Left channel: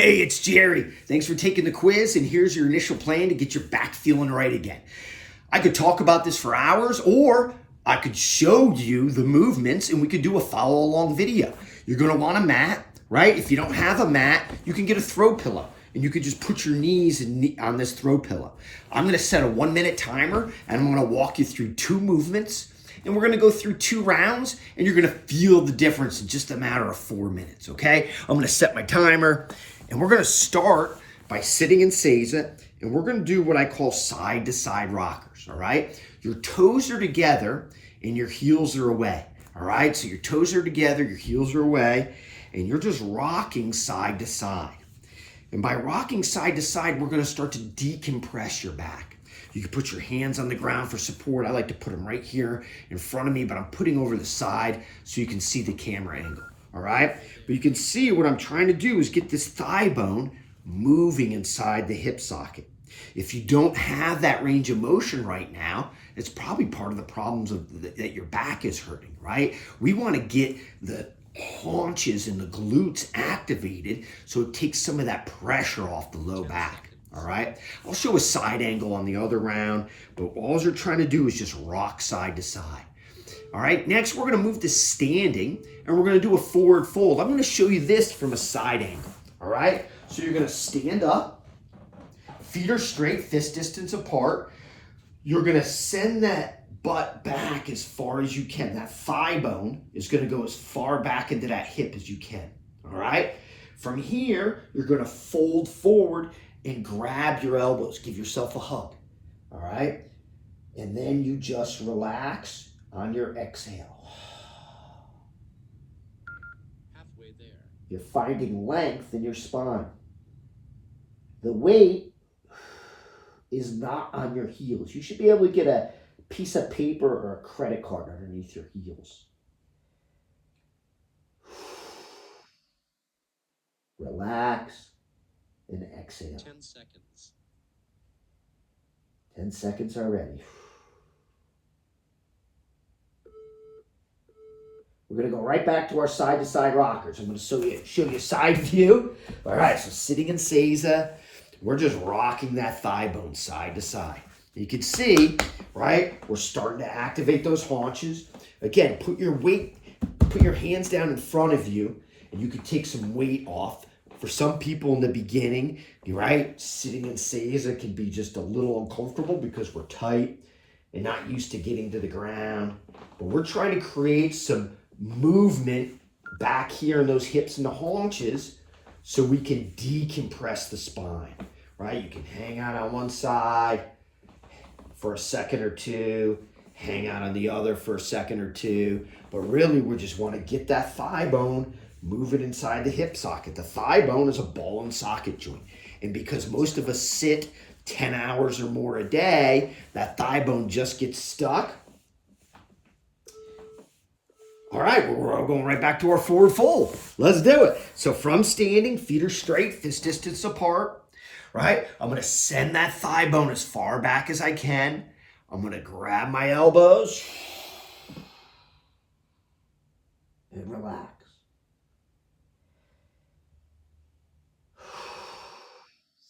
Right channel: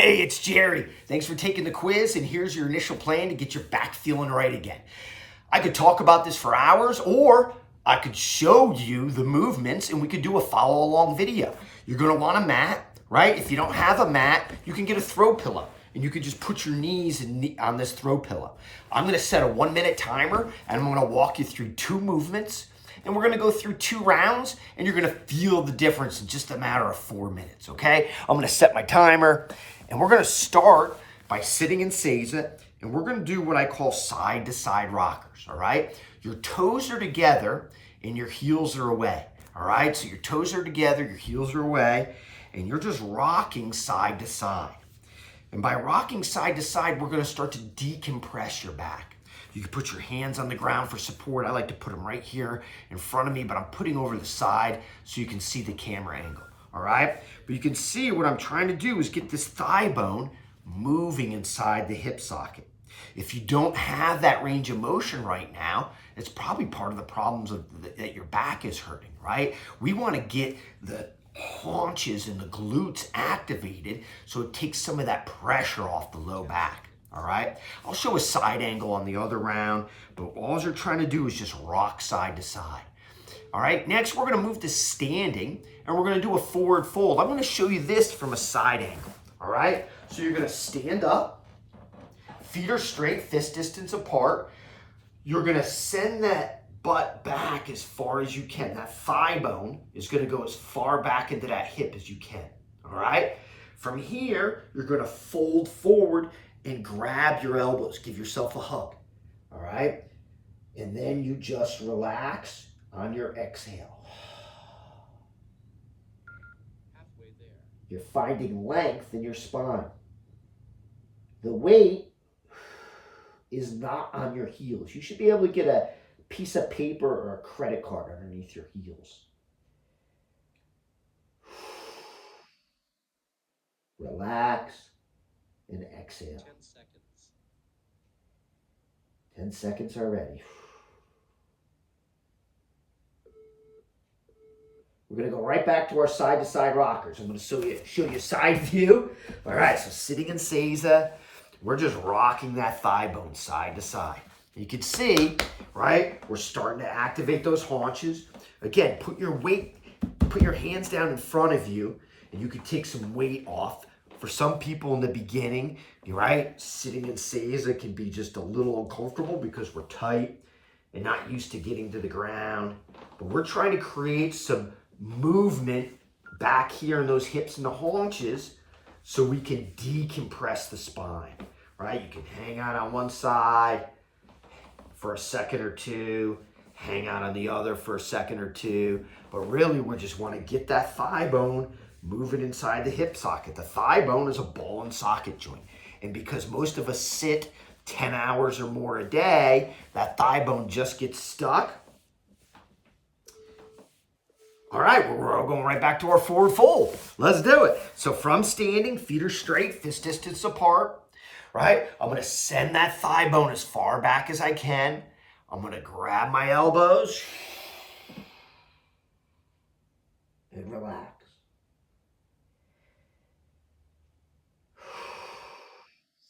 Hey, it's Jerry. Thanks for taking the quiz, and here's your initial plan to get your back feeling right again. I could talk about this for hours, or I could show you the movements and we could do a follow along video. You're gonna want a mat, right? If you don't have a mat, you can get a throw pillow and you could just put your knees on this throw pillow. I'm gonna set a 1 minute timer and I'm gonna walk you through 2 movements, and we're gonna go through 2 rounds and you're gonna feel the difference in just a matter of 4 minutes, okay? I'm gonna set my timer and we're gonna start by sitting in Seiza, and we're gonna do what I call side to side rockers, all right? Your toes are together and your heels are away, all right? So your toes are together, your heels are away, and you're just rocking side to side. And by rocking side to side, we're gonna start to decompress your back. You can put your hands on the ground for support. I like to put them right here in front of me, but I'm putting over the side so you can see the camera angle, all right? But you can see what I'm trying to do is get this thigh bone moving inside the hip socket. If you don't have that range of motion right now, it's probably part of the problems that your back is hurting, right? We wanna get the haunches and the glutes activated so it takes some of that pressure off the low back. All right, I'll show a side angle on the other round, but all you're trying to do is just rock side to side. All right, next we're gonna move to standing and we're gonna do a forward fold. I'm gonna show you this from a side angle, all right? So you're gonna stand up, feet are straight, fist distance apart. You're gonna send that butt back as far as you can. That thigh bone is gonna go as far back into that hip as you can, all right? From here, you're gonna fold forward and grab your elbows, give yourself a hug, all right? And then you just relax on your exhale. Halfway there. You're finding length in your spine. The weight is not on your heels. You should be able to get a piece of paper or a credit card underneath your heels. Relax and exhale. 10 seconds. 10 seconds already. We're gonna go right back to our side-to-side rockers. I'm gonna show you side view. All right, so sitting in Seiza, we're just rocking that thigh bone side to side. You can see, right, we're starting to activate those haunches. Again, put your hands down in front of you, and you can take some weight off. For some people in the beginning, right, sitting in Seiza can be just a little uncomfortable because we're tight and not used to getting to the ground. But we're trying to create some movement back here in those hips and the haunches so we can decompress the spine, right? You can hang out on one side for a second or two, hang out on the other for a second or two, but really we just want to get that thigh bone moving inside the hip socket. The thigh bone is a ball and socket joint. And because most of us sit 10 hours or more a day, that thigh bone just gets stuck. All right, we're all going right back to our forward fold. Let's do it. So from standing, feet are straight, fist distance apart, right? I'm gonna send that thigh bone as far back as I can. I'm gonna grab my elbows and relax.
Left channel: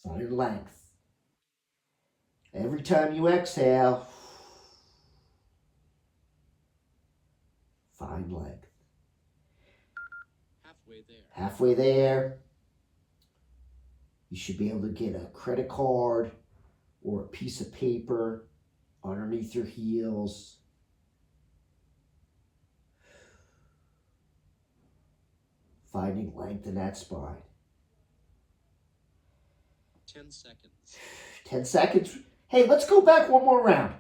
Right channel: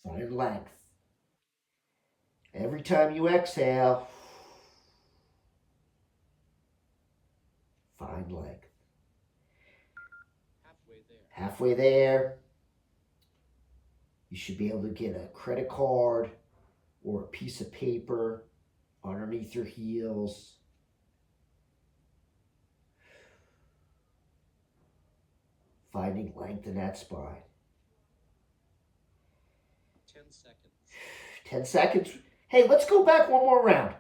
Find length. Every time you exhale, find length. Halfway there. Halfway there, you should be able to get a credit card or a piece of paper underneath your heels. Finding length in that spine. 10 seconds. 10 seconds. Hey, let's go back one more round.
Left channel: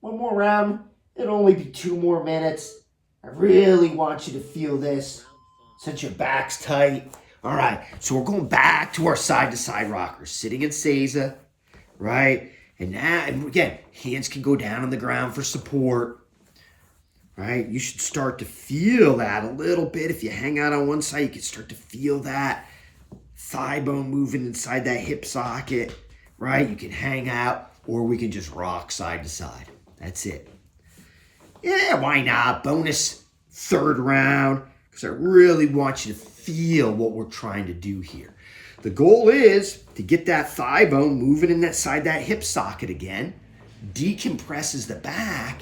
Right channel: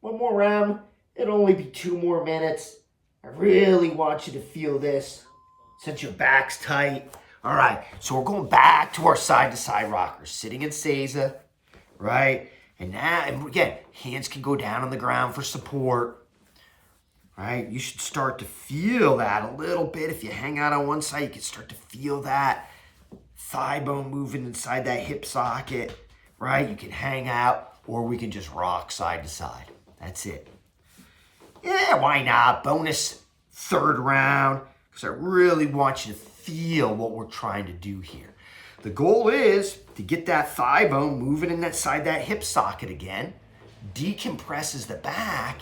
One more round. It'll only be 2 more minutes. I really want you to feel this since your back's tight. All right, so we're going back to our side-to-side rockers. Sitting in Seiza, right? And now, and again, hands can go down on the ground for support, right? You should start to feel that a little bit. If you hang out on one side, you can start to feel that thigh bone moving inside that hip socket, right? You can hang out, or we can just rock side to side. That's it. Yeah, why not? Bonus 3rd round, because I really want you to feel what we're trying to do here. The goal is to get that thigh bone moving inside that hip socket again, decompresses the back,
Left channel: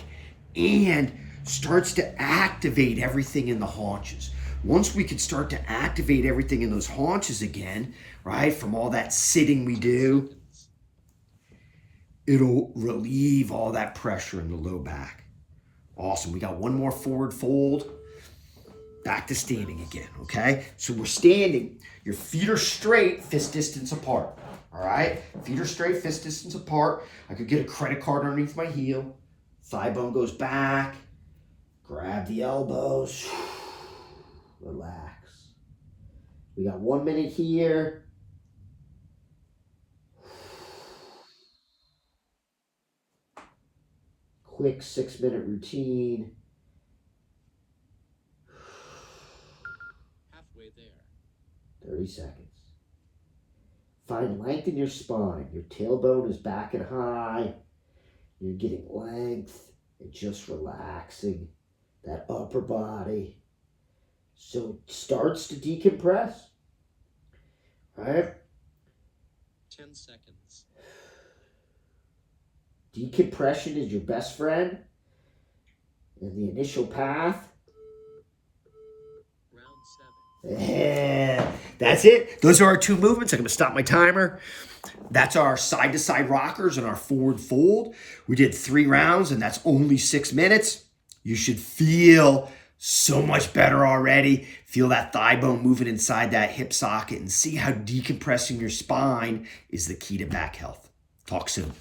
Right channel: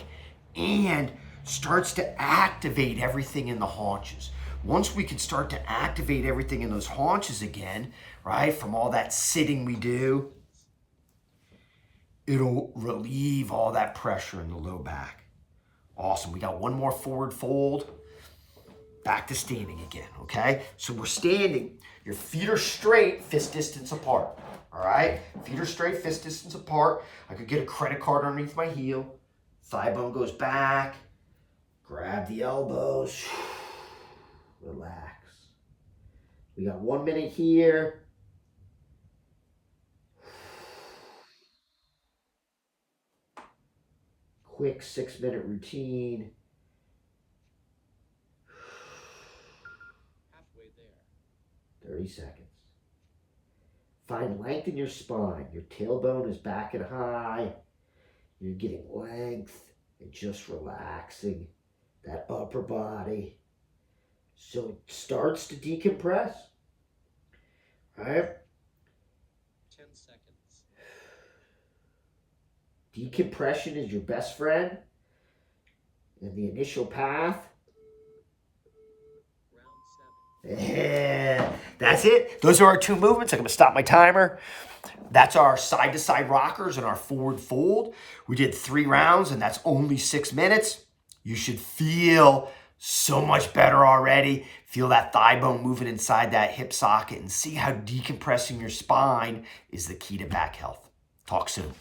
and starts to activate everything in the haunches. Once we can start to activate everything in those haunches again, right, from all that sitting we do, it'll relieve all that pressure in the low back. Awesome. We got one more forward fold. Back to standing again, okay? So we're standing. Your feet are straight, fist distance apart, all right? Feet are straight, fist distance apart. I could get a credit card underneath my heel. Thigh bone goes back. Grab the elbows. Relax. We got 1 minute here. Quick 6-minute routine. Halfway there. 30 seconds. Find length in your spine. Your tailbone is back and high. You're getting length and just relaxing that upper body. So it starts to decompress. All right? 10 seconds. Decompression is your best friend in the initial path. Round 7. Yeah, that's it. Those are our 2 movements. I'm going to stop my timer. That's our side-to-side rockers and our forward fold. We did 3 rounds, and that's only 6 minutes. You should feel so much better already. Feel that thigh bone moving inside that hip socket and see how decompressing your spine is the key to back health. Talk soon.